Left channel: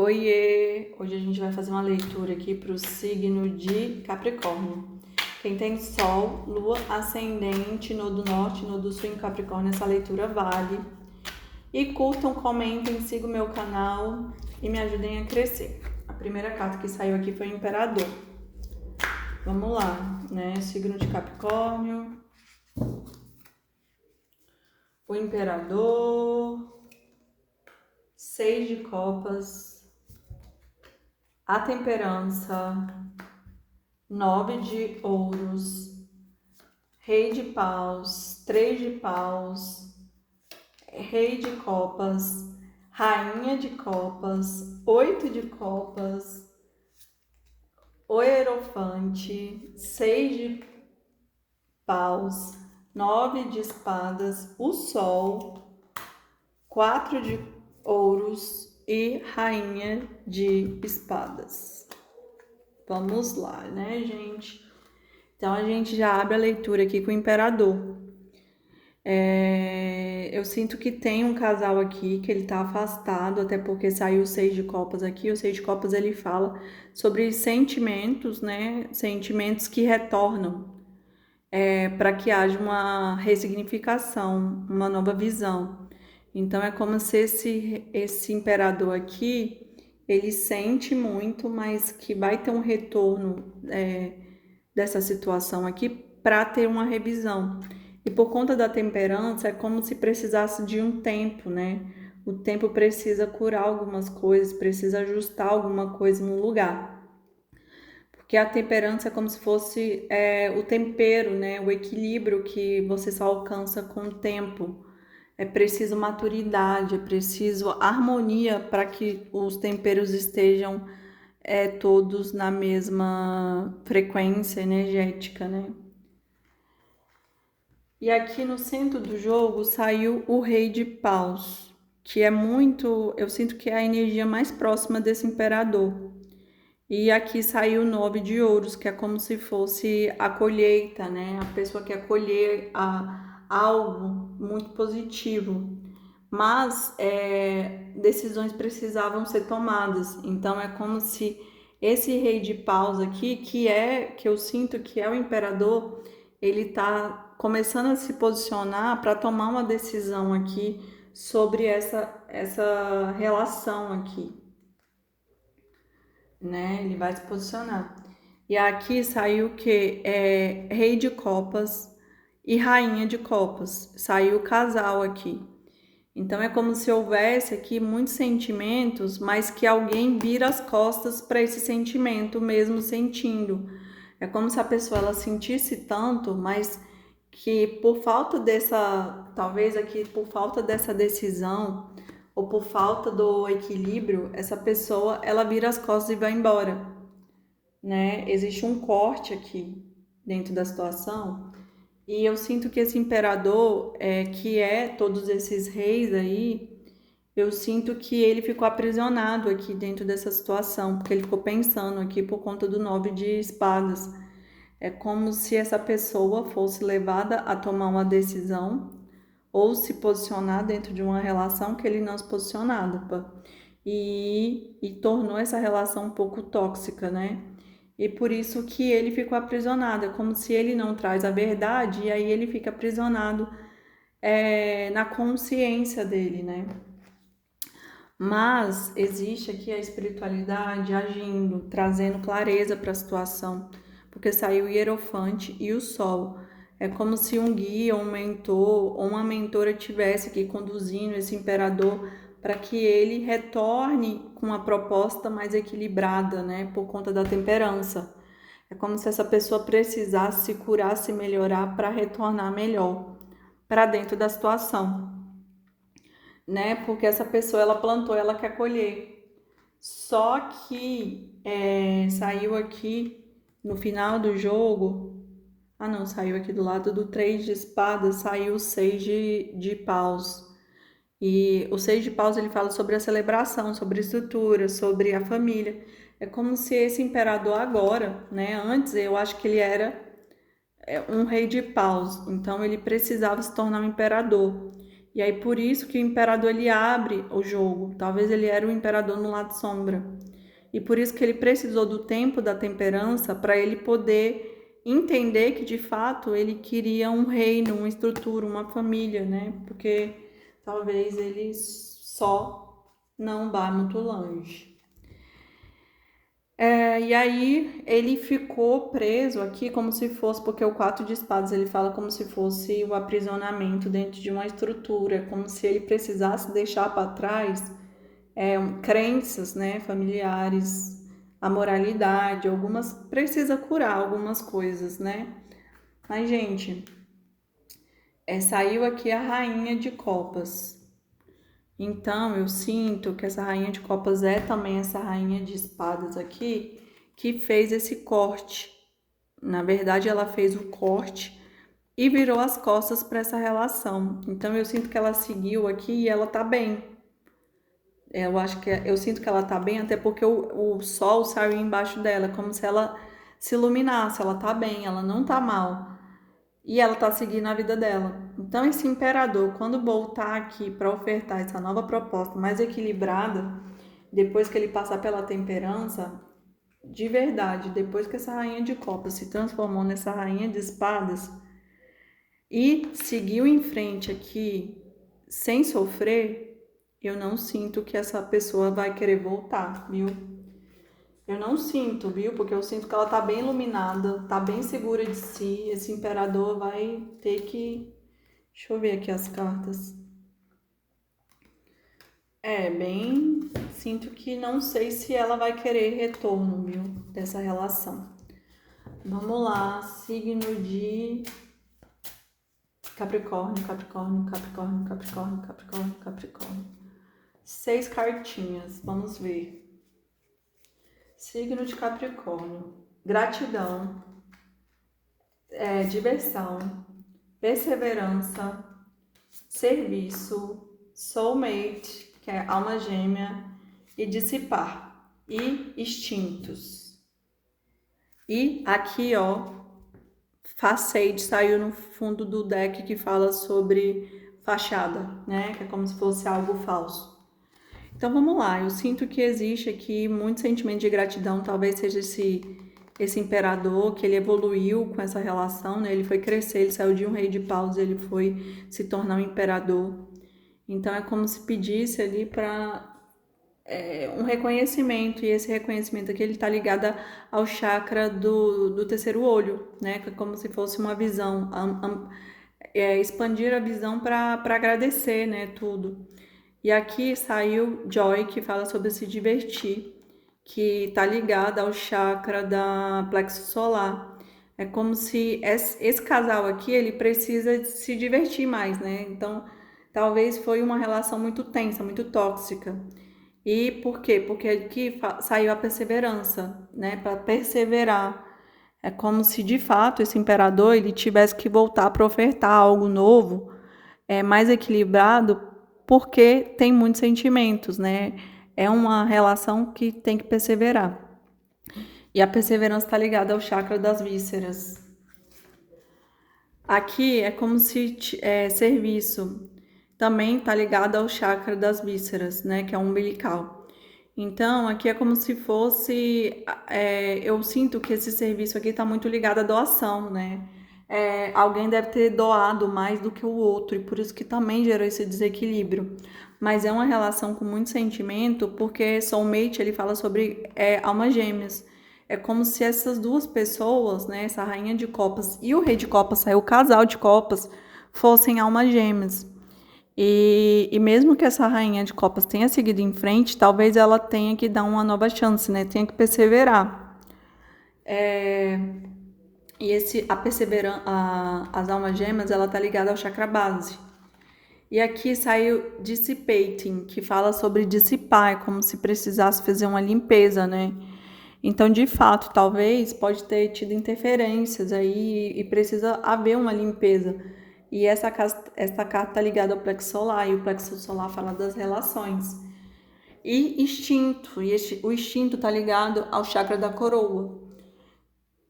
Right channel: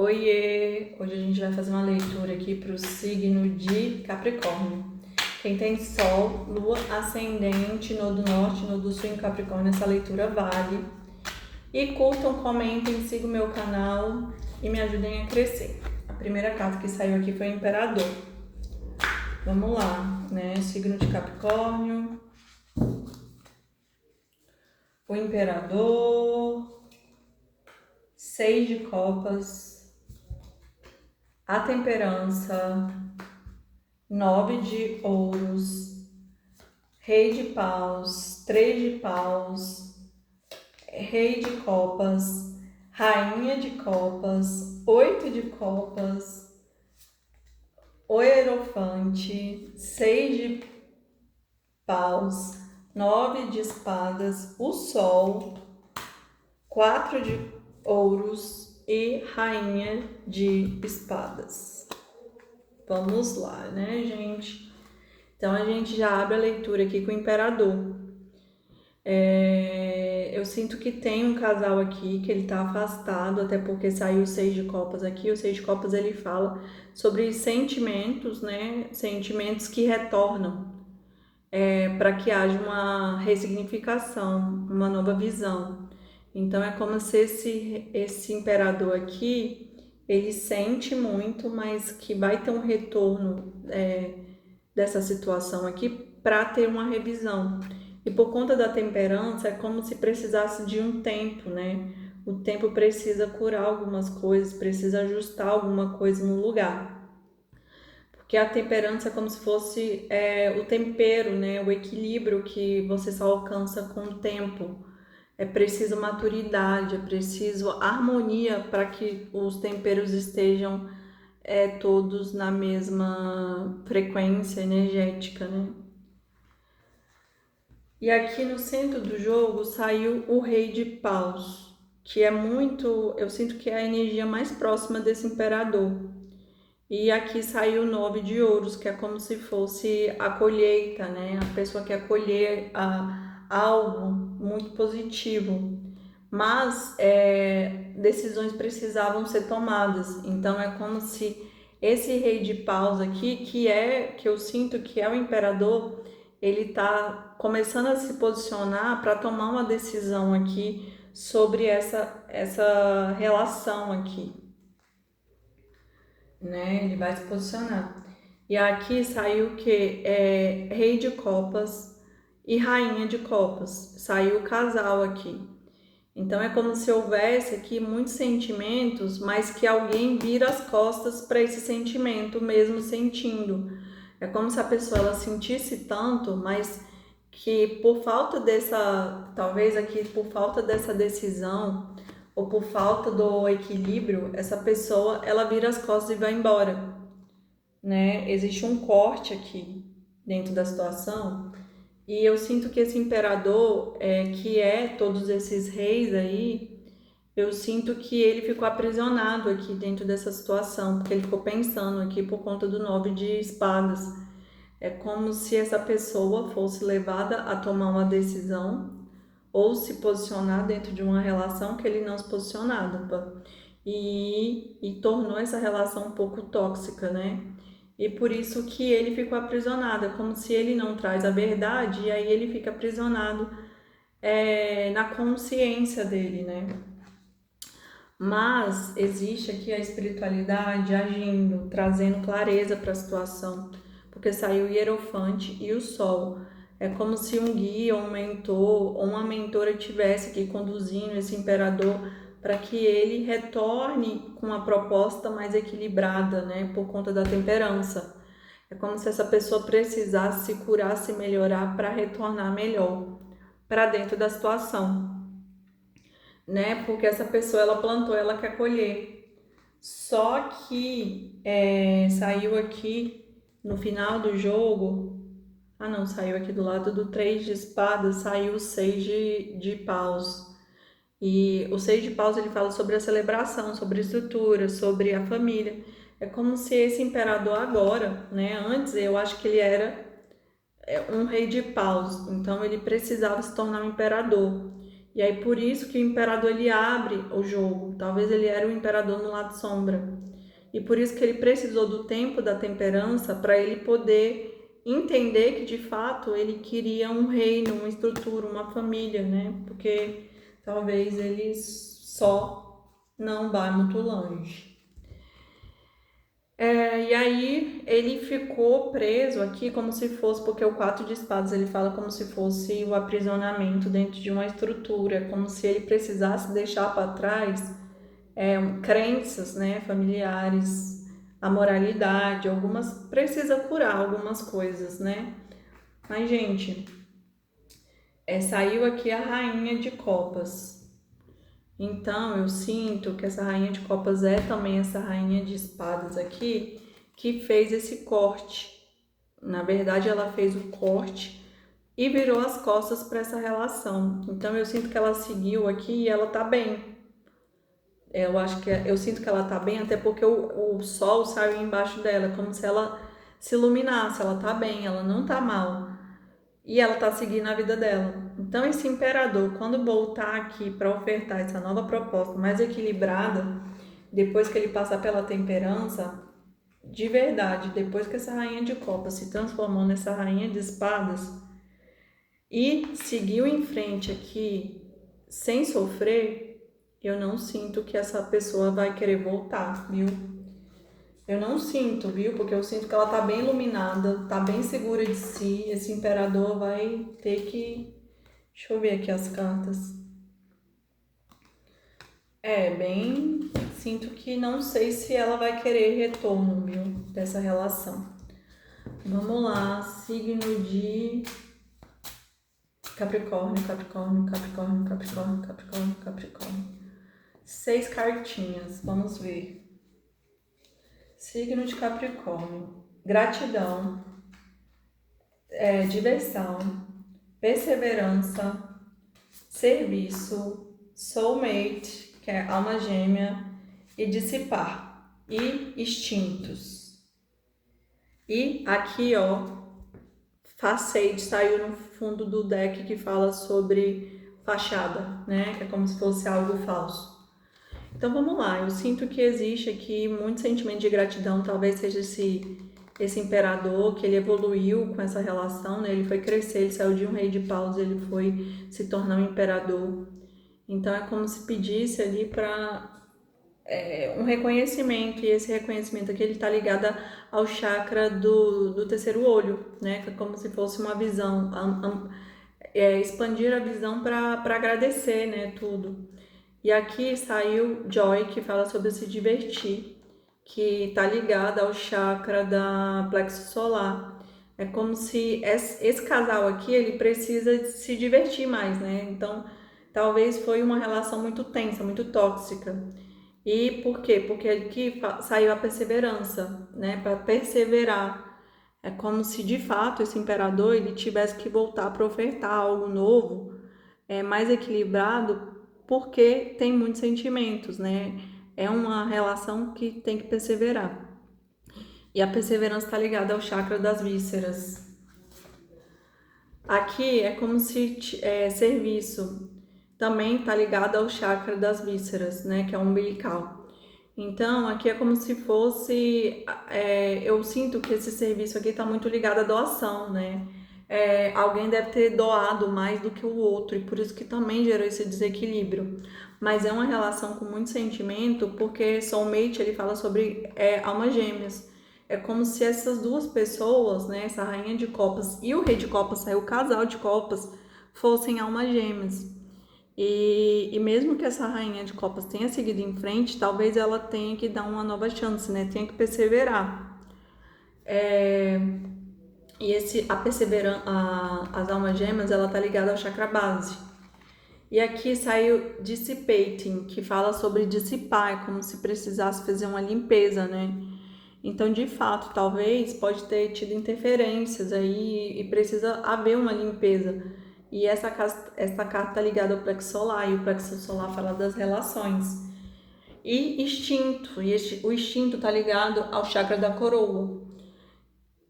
Oiê! Hoje a gente vai fazer uma leitura aqui para o signo de Capricórnio. Quem tem Sol, Lua, Ascendente, Nodo Norte, Nodo Sul em Capricórnio, essa leitura vale. E curtam, comentem, sigam o meu canal e me ajudem a crescer. A primeira carta que saiu aqui foi o Imperador. Vamos lá, né? Signo de Capricórnio. O Imperador. 6 de Copas. A Temperança, 9 de ouros, Rei de paus, 3 de paus, Rei de copas, Rainha de copas, 8 de copas, o Hierofante, 6 de paus, 9 de espadas, o Sol, 4 de ouros e Rainha de espadas. Vamos lá, né, gente? Então, a gente já abre a leitura aqui com o Imperador. Eu sinto que tem um casal aqui que ele tá afastado, até porque saiu o 6 de copas aqui. O 6 de copas, ele fala sobre sentimentos, né? Sentimentos que retornam, para que haja uma ressignificação, uma nova visão. Então, é como se esse imperador aqui, ele sente muito, mas que vai ter um retorno dessa situação aqui para ter uma revisão. E por conta da temperança, é como se precisasse de um tempo, né? O tempo precisa curar algumas coisas, precisa ajustar alguma coisa no lugar. Porque a temperança é como se fosse o tempero, né? O equilíbrio que você só alcança com o tempo. É preciso maturidade, é preciso harmonia para que os temperos estejam todos na mesma frequência energética, né? E aqui no centro do jogo saiu o Rei de Paus, que é muito, eu sinto que é a energia mais próxima desse imperador. E aqui saiu o 9 de ouros, que é como se fosse a colheita, né? A pessoa quer colher algo muito positivo. Mas decisões precisavam ser tomadas. Então é como se esse Rei de Paus aqui, que eu sinto que é o imperador, ele tá começando a se posicionar para tomar uma decisão aqui sobre essa relação aqui, né? Ele vai se posicionar. E aqui saiu o que? Rei de Copas e Rainha de Copas. Saiu o casal aqui. Então é como se houvesse aqui muitos sentimentos, mas que alguém vira as costas para esse sentimento, mesmo sentindo. É como se a pessoa ela sentisse tanto, mas que por falta dessa, talvez aqui por falta dessa decisão ou por falta do equilíbrio, essa pessoa ela vira as costas e vai embora, né? Existe um corte aqui dentro da situação. E eu sinto que esse imperador, que é todos esses reis aí, eu sinto que ele ficou aprisionado aqui dentro dessa situação, porque ele ficou pensando aqui por conta do 9 de espadas. É como se essa pessoa fosse levada a tomar uma decisão ou se posicionar dentro de uma relação que ele não se posicionava. E tornou essa relação um pouco tóxica, né? E por isso que ele ficou aprisionado, é como se ele não traz a verdade e aí ele fica aprisionado na consciência dele, né? Mas existe aqui a espiritualidade agindo, trazendo clareza para a situação, porque saiu o Hierofante e o Sol. É como se um guia, um mentor ou uma mentora estivesse aqui conduzindo esse imperador para que ele retorne com uma proposta mais equilibrada, né, por conta da temperança. É como se essa pessoa precisasse se curar, se melhorar para retornar melhor para dentro da situação, né? Porque essa pessoa ela plantou, ela quer colher. Só que saiu aqui no final do jogo. Ah, não, saiu aqui do lado do 3 de espadas, saiu o 6 de paus. E o 6 de paus ele fala sobre a celebração, sobre a estrutura, sobre a família. É como se esse imperador agora, né? Antes eu acho que ele era um rei de paus, então ele precisava se tornar um imperador. E aí por isso que o imperador ele abre o jogo. Talvez ele era o imperador no lado sombra. E por isso que ele precisou do tempo da temperança para ele poder entender que de fato ele queria um reino, uma estrutura, uma família, né? Porque talvez ele só não vá muito longe. E aí ele ficou preso aqui como se fosse, porque o 4 de espadas ele fala como se fosse o aprisionamento dentro de uma estrutura, como se ele precisasse deixar para trás crenças, né, familiares, a moralidade, algumas precisa curar algumas coisas, né? Mas gente, saiu aqui a rainha de copas. Então, eu sinto que essa rainha de copas é também essa rainha de espadas aqui, que fez esse corte. Na verdade, ela fez o corte e virou as costas para essa relação. Então, eu sinto que ela seguiu aqui e ela tá bem. Eu sinto que ela tá bem, até porque o sol saiu embaixo dela, como se ela se iluminasse. Ela tá bem, ela não tá mal. E ela tá seguindo a vida dela. Então, esse imperador, quando voltar aqui para ofertar essa nova proposta mais equilibrada, depois que ele passar pela temperança, de verdade, depois que essa rainha de copas se transformou nessa rainha de espadas e seguiu em frente aqui sem sofrer, eu não sinto que essa pessoa vai querer voltar, viu? Eu não sinto, viu? Porque eu sinto que ela tá bem iluminada, tá bem segura de si. Esse imperador vai ter que... Deixa eu ver aqui as cartas. Bem... Sinto que não sei se ela vai querer retorno, viu? Dessa relação. Vamos lá, signo de Capricórnio, Capricórnio, Capricórnio, Capricórnio, Capricórnio, Capricórnio. 6 cartinhas, vamos ver. Signo de Capricórnio, gratidão, diversão, perseverança, serviço, soulmate, que é alma gêmea, e dissipar, e instintos. E aqui, ó, Facade saiu no fundo do deck que fala sobre fachada, né? Que é como se fosse algo falso. Então vamos lá, eu sinto que existe aqui muito sentimento de gratidão, talvez seja esse imperador que ele evoluiu com essa relação, né? Ele foi crescer, ele saiu de um rei de paus, ele foi se tornar um imperador. Então é como se pedisse ali para um reconhecimento, e esse reconhecimento aqui ele está ligado ao chakra do terceiro olho, né? Que é como se fosse uma visão, expandir a visão para agradecer, né? Tudo. E aqui saiu Joy, que fala sobre se divertir, que está ligada ao chakra da plexo solar. É como se esse casal aqui, ele precisa se divertir mais, né? Então, talvez foi uma relação muito tensa, muito tóxica. E por quê? Porque aqui saiu a perseverança, né? Para perseverar. É como se, de fato, esse imperador, ele tivesse que voltar para ofertar algo novo, mais equilibrado, porque tem muitos sentimentos, né? É uma relação que tem que perseverar. E a perseverança está ligada ao chakra das vísceras. Aqui é como se serviço também está ligado ao chakra das vísceras, né? Que é o umbilical. Então, aqui é como se fosse... eu sinto que esse serviço aqui está muito ligado à doação, né? Alguém deve ter doado mais do que o outro e por isso que também gerou esse desequilíbrio. Mas é uma relação com muito sentimento, porque soulmate ele fala sobre almas gêmeas. É como se essas duas pessoas, né, essa rainha de copas e o rei de copas, o casal de copas, fossem almas gêmeas. E mesmo que essa rainha de copas tenha seguido em frente, talvez ela tenha que dar uma nova chance, né? Tenha que perseverar. E a perseverança, as almas gêmeas, ela tá ligada ao chakra base. E aqui saiu Dissipating, que fala sobre dissipar, é como se precisasse fazer uma limpeza, né? Então, de fato, talvez pode ter tido interferências aí e precisa haver uma limpeza. E essa carta tá ligada ao plexo solar, e o plexo solar fala das relações. E instinto, o instinto tá ligado ao chakra da coroa.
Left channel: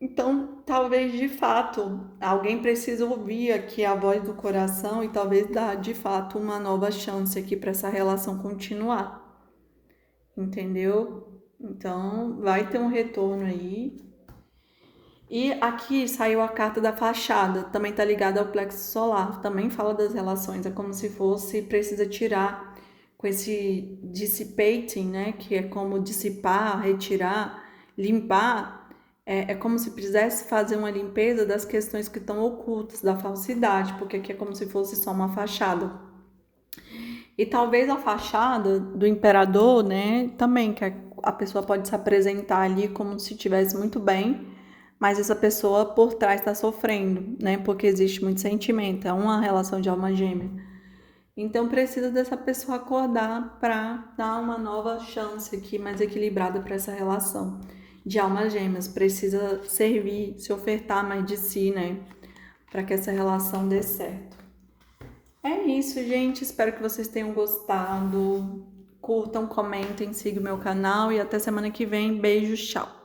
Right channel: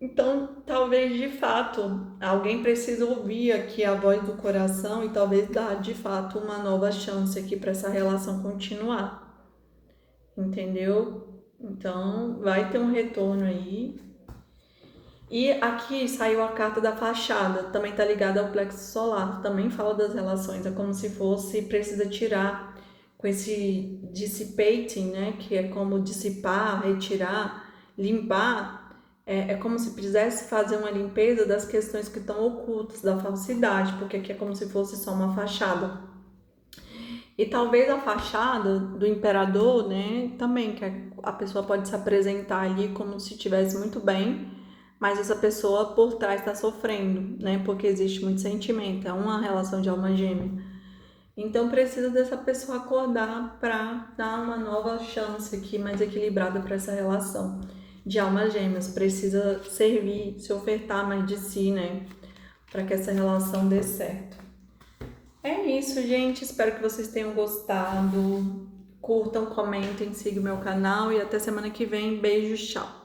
Então, talvez de fato alguém precise ouvir aqui a voz do coração e talvez dar de fato uma nova chance aqui para essa relação continuar, entendeu? Então, vai ter um retorno aí. E aqui saiu a carta da fachada, também tá ligada ao plexo solar, também fala das relações, é como se fosse precisa tirar com esse dissipating, né, que é como dissipar, retirar, limpar, é como se precisasse fazer uma limpeza das questões que estão ocultas, da falsidade, porque aqui é como se fosse só uma fachada. E talvez a fachada do imperador, né, também, que a pessoa pode se apresentar ali como se estivesse muito bem, mas essa pessoa por trás está sofrendo, né, porque existe muito sentimento, é uma relação de alma gêmea. Então precisa dessa pessoa acordar para dar uma nova chance aqui, mais equilibrada para essa relação de almas gêmeas. Precisa servir, se ofertar mais de si, né, para que essa relação dê certo. É isso, gente. Espero que vocês tenham gostado. Curtam, comentem, sigam meu canal e até semana que vem. Beijos, tchau.